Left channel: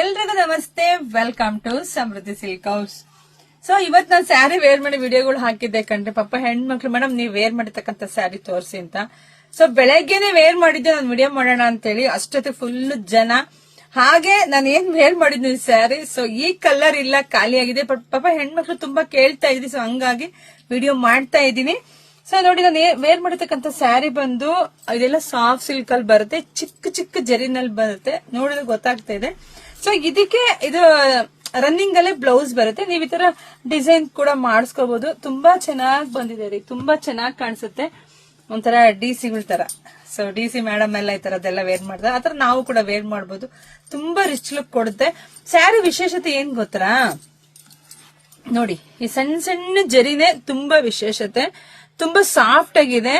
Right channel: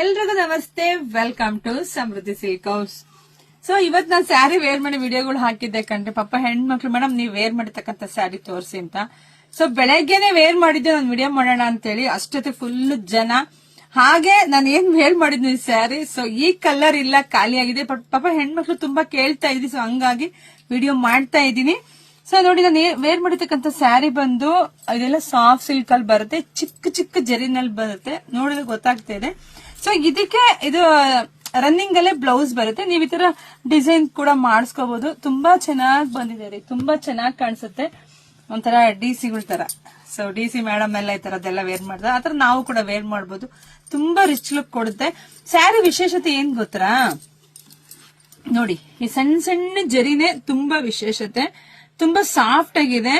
ಎಲ್ರಿಗೂ ನಮಸ್ತೆ, welcome to Samruddhi silk house. So ಇವತ್ ನಾನು ಸ್ಯಾರಿ ವೇರ್ ಮಾಡಿ ವಿಡಿಯೋಗಳು ಹಾಕಿದ್ದೆ ಕಂಡ್ರೆ ಪಾಪ ಹೆಣ್ಮಕ್ಳು ಮೇಡಮ್ ನೀವು ವೇರ್ ಮಾಡಿರ್ತಕ್ಕಂಥ ಸ್ಯಾರಿ ತೋರಿಸಿ ಅಂತ. ಸೊ ಬೆಳಗ್ಗೆನೆ ವೇರ್ ಮಾಡಿದ್ದು ನಾನು ವಿಡಿಯೋ ಮಾಡೋಣ ಅಂತ ಹೇಳಿ ಅಷ್ಟೊತ್ತೆ ಫುಲ್ ಜನ. ಹಾಗೆ ನಾನು ಏನ್ ವೇರ್ ಮಾಡಿದ್ನು ಈ ಸ್ಯಾರಿ. ಸೊ ಈ ಕಲರ್ ಇಲ್ಲ, ಖಾಲಿ ಆಗಿದೆ. ಪಾಪ ಹೆಣ್ಮಕ್ಳು ತುಂಬಾ ಕೇಳ್ತಾ ಇದ್ವಿ, ಸೊ ಹಂಗಾಗಿ ವಿಡಿಯೋ ಮಾಡ್ತಾ ಇದ್ದೀನಿ. ಸೊ ನೋಡಿ, ನಾನು ವೇರ್ ಮಾಡಿರ್ತಕ್ಕಂಥ ಸ್ಯಾರಿ ಬಂದು ಇದೆಲ್ಲ ಸಾಫ್ಟ್ ಸಿಲ್ಕ್ ಅಲ್ಲಿ ಬರುತ್ತೆ, ಚಿಕ್ಕ ಚಿಕ್ಕ ಜರಿನಲ್ಲಿ ಬರುತ್ತೆ, ನೋಡಿದ್ರೆ ಗೊತ್ತಾಗ್ತಾ ಇದೆ. ಸೊ ಇದಕ್ಕೆ ಇದು ರನ್ನಿಂಗ್ ಅಲ್ಲೇ ಬ್ಲೌಸ್ ಬರುತ್ತೆ. ನೀವು ಈ ತರ ಡಿಸೈನ್ ಕೂಡ ಮಾಡಿಸ್ಕೋಬಹುದು. ತುಂಬಾ ಚೆನ್ನಾಗಿ ಬಂದಿದೆ ರೀ, ತುಂಬಾ ಚೆನ್ನಾಗಿ ಕಾಣಿಸುತ್ತೆ. ಒಂಥರ ಡಿಸಿಗಳ ತರ. ಸೊ ಡಿಸಿ ಮೇಡಮ್ ಎಲ್ಲ ಈ ತರದೆಲ್ಲ ವೇರ್ ಮಾಡ್ತಾರೆ, ಆತರ ನಾವು ಕೂಡ ವೇರ್ ಮಾಡಬಹುದು. ತುಂಬಾ ರಿಚ್ ಲುಕ್ ಕೊಡುತ್ತೆ. ಸ್ಯಾರಿ ವಿಶೇಷತೆ ಏನ್ ಗೊತ್ತಾ ನೋಡಿ, ಈ ಸಣ್ಣ ಸಣ್ಣ ಜರಿನೇ ತುಂಬಾ ವಿಶೇಷತೆ. ತುಂಬಾ ಸಾಫ್ಟ್ ಆಗಿದೆ,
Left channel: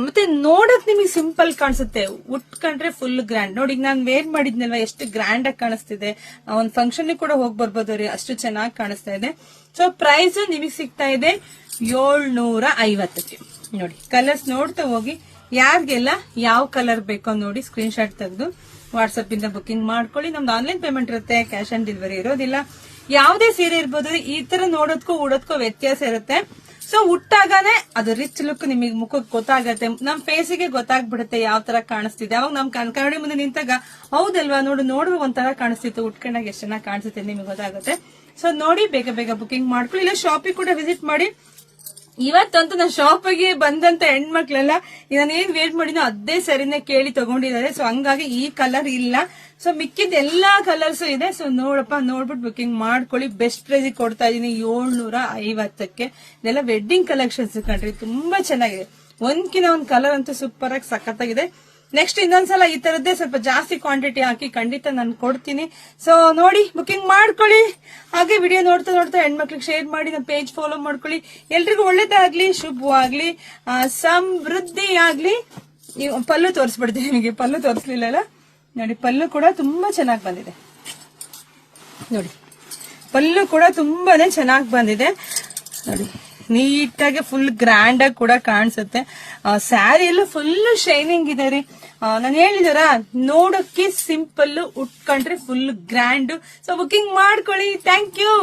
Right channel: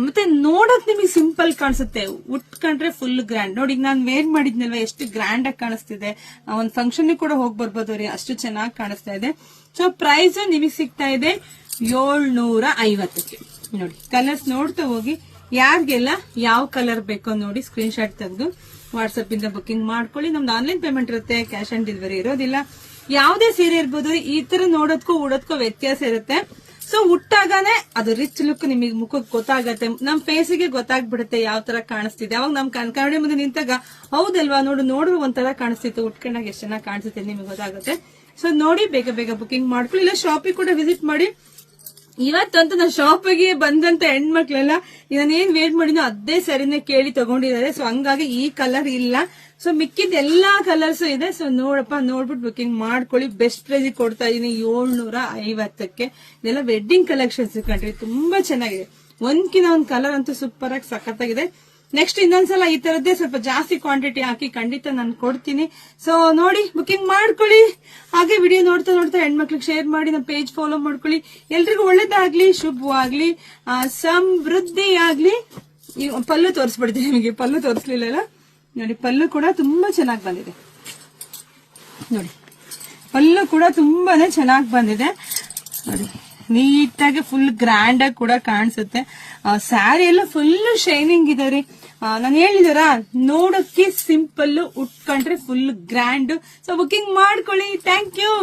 ಮತ್ತೆ ನೋಡಕ್ ನಿಮಗೆ ಸಿಂಪಲ್ ಕಾಣಿಸುತ್ತೆ. ಉಟ್ಕೊಂಡ್ರೆ ಫುಲ್ ಗ್ರ್ಯಾಂಡ್. ನೋಡಿ, ನಾನು ವೇರ್ ಮಾಡಿದ್ನಲ್ವಾ, ಎಷ್ಟು ಗ್ರ್ಯಾಂಡ್ ಆಗಿ ಕಾಣಿಸ್ತಿದೆ. ಒಂದ್ ಫಂಕ್ಷನ್ ಕೂಡ ಹೋಗಿ ಬರ್ಬೋದು ರೀ, ಅಷ್ಟು ಚೆನ್ನಾಗಿ ಕಾಣಿಸ್ತಾ ಇದೆ. ಸೊ ಪ್ರೈಸ್ ನಿಮಗೆ ಸಿಗ್ತಾ ಇದೆ 750ಕ್ಕೆ. ನೋಡಿ, ಕಲರ್ಸ್ ನೋಡ್ತಾ ಹೋಗಿ. ಯಾರಿಗೆಲ್ಲ ಯಾವ ಕಲರ್ ಬೇಕೋ ನೋಡಿ ಸ್ಕ್ರೀನ್ ಶಾಟ್ ತೆಗೆದು ವಾಟ್ಸ್ಆಪ್ ಇಂದ ಬುಕಿಂಗ್ ಮಾಡ್ಕೊಳ್ಳಿ. ನಮ್ದು ಆನ್ಲೈನ್ ಪೇಮೆಂಟ್ ಇರುತ್ತೆ, ಕ್ಯಾಶ್ ಆನ್ ಡೆಲಿವರಿ ಇರೋದಿಲ್ಲ. ಯಾವುದೇ ಸೀರೆ ಇರ್ಬೋದು, ಈ ತರ ನೋಡೋದಕ್ಕೂ ಉಡೋದಕ್ಕೂ ವ್ಯತ್ಯಾಸ ಇರುತ್ತೆ. ಸೊ ಉಟ್ಟಾಗನೆ ಅದು ರಿಚ್ ಲುಕ್ ನಿಮಗೆ ಮುಖಕ್ಕೆ ಗೊತ್ತಾಗತ್ತೆ, ನಮ್ ಫೇಸಿಗೆ ಗೊತ್ತಾಗ್ಬಿಡುತ್ತೆ ಯಾವ ತರ ಕಾಣಿಸ್ತಿದೆ. ಅವಾಗ ನಮ್ ಕನ್ನಡಿ ಮುಂದೆ ನಿಂತಾಗ ಹೌದಲ್ವಾ, ನೋಡು ಒಂಥರ ಕಾಣಿಸ್ತಿತ್ತು, ಉಟ್ಕೊಂಡಾಗ ಎಷ್ಟು ಚೆನ್ನಾಗಿ ಕಾಣಿಸುತ್ತೆ ನಿಮಗೆ ಗೊತ್ತಾಗುತ್ತೆ. ಸೊ ನೋಡಿ, ಬೇಗ ಬೇಗ ಬುಕಿಂಗ್ ಮಾಡ್ಕೊಳ್ಳಿ. ಇಲ್ಲ ಶಾಪಿಗೆ ಕೂಡ ವಿಸಿಟ್ ಮಾಡಿ. ಇವತ್ತಂತೂ ನಾನು ಶಾಪಿಗೆ ಬಂದಂತ ಹೆಣ್ಮಕ್ಳೆಲ್ಲ ನಾನೇನ್ ವೇಟ್ ಮಾಡಿನೋ ಅದೇ ಸರಿನೇ ಕೇಳಿ ತಗೊಂಡಿದ್ದಾರೆ. ಸೊ ಹಂಗಾಗಿ ಈ ಕಲರ್ ಇಲ್ಲ. ಸೊ ಮಿಕ್ಕಿದ ಎಲ್ಲಾ ಕಲರ್ಸ್ ಇದೆ. ಸೊ ನೋಡ್ಬಿಟ್ಟು ಬುಕಿಂಗ್ ಮಾಡ್ಕೊಳ್ಳಿ. ಬೆಸ್ಟ್ ಪ್ರೈಸ್ ಕೊಡ್ತಾ ಇದೀನಿ 750ಕ್ಕೆ. ಇದೆಲ್ಲ ವೆಡ್ಡಿಂಗ್ ಕಲೆಕ್ಷನ್ಸ್ ಕಂಡ್ರಿ, ತುಂಬಾ ಚೆನ್ನಾಗಿದೆ. ಒಂದ್ಕಿನ ಒಂದ್ ಕಲರ್ ಅಂತೂ ಸೂಪರ್ ಆಗಿ ಸಖತ್ತಾಗಿದೆ. ನೆಕ್ಸ್ಟ್ ಇನ್ನೊಂದ್ಸಲ ಈ ತರದ್ದೇ ಸ್ವಲ್ಪ ಜಾಸ್ತಿ ಕ್ವಾಂಟಿಟಿ ಹಾಕಿ ಖಂಡಿತ ನಾನು ಕೊಡ್ತೀನಿ. ಸೊ ನೋಡಿ, ಬುಕಿಂಗ್ ಮಾಡ್ಕೊಳ್ಳಿ. ಹಾಗೆ ವಿಡಿಯೋ ನೋಡ್ತಾ ಹೆಣ್ಮಕ್ಳಿಗೆ ಶೇರ್ ಮಾಡಿ, ನಮ್ಮ ಪೇಜ್ ಫಾಲೋ ಮಾಡ್ಕೊಳ್ಳಿ. ಎಲ್ರಿಗೂ ಒಳ್ಳೇದಾಗ್ಲಿ, ಶುಭವಾಗ್ಲಿ, ಸಮೃದ್ಧಿ ಆಗ್ಲಿ. ಪಲ್ಲು ತೋರಿಸ್ಬಿಡ್ತೀನಿ ನಿಮಗೆ. ಪಲ್ಲು ತೋರಿಸ್ಲಿಲ್ಲ ನೋಡಿ, ಪಲ್ಲು ಕೂಡ ತುಂಬಾ ಚೆನ್ನಾಗಿ ಬಂದಿದೆ. ನೋಡಿ, ಪಲ್ಲು ಕೂಡ ತುಂಬಾನೇ ಚೆನ್ನಾಗಿ ಬಂದಿದೆ. ನೋಡಿ, ನೀಟಾಗಿ ಫುಲ್ ಗ್ರ್ಯಾಂಡ್ ಆಗಿ ಕೂಡ ಕಾಣಿಸುತ್ತೆ. ಸ್ಯಾರಿ ಎಲ್ಲ ಫುಲ್ ಶೈನಿಂಗ್ ಇದೆ ರೀ. ನಾನು ಹೇಳಿದಾರ, ನೋಡಕ್ಕೆ ಸಿಂಪಲ್, ಉಟ್ಕೊಂಡ್ರೆ ಫುಲ್ ಗ್ರ್ಯಾಂಡ್. ಸೊ ಬುಕಿಂಗ್ ಮಾಡ್ಕೊಳ್ಳಿ. Thank you.